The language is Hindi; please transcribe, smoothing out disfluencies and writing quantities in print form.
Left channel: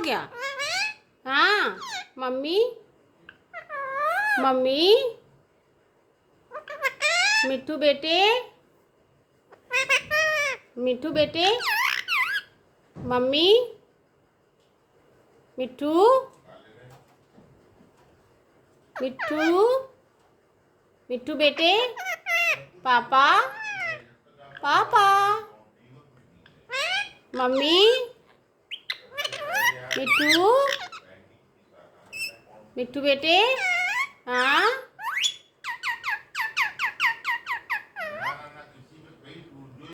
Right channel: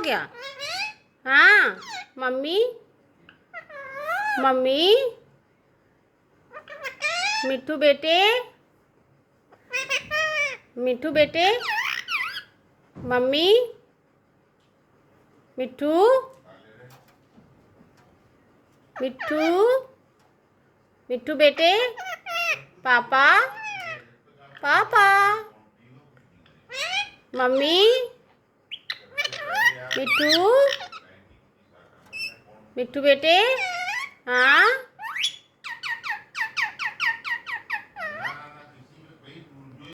हो गया? हाँ मम्मी, मम्मी, मिट्ठू बेटे, मिट्ठू बेटे, मम्मी, मिट्ठू, मिट्ठू, मिट्ठू बेटे, पापा, पापा, मम्मी, मिट्ठू, मिट्ठू बेटे, हाँ।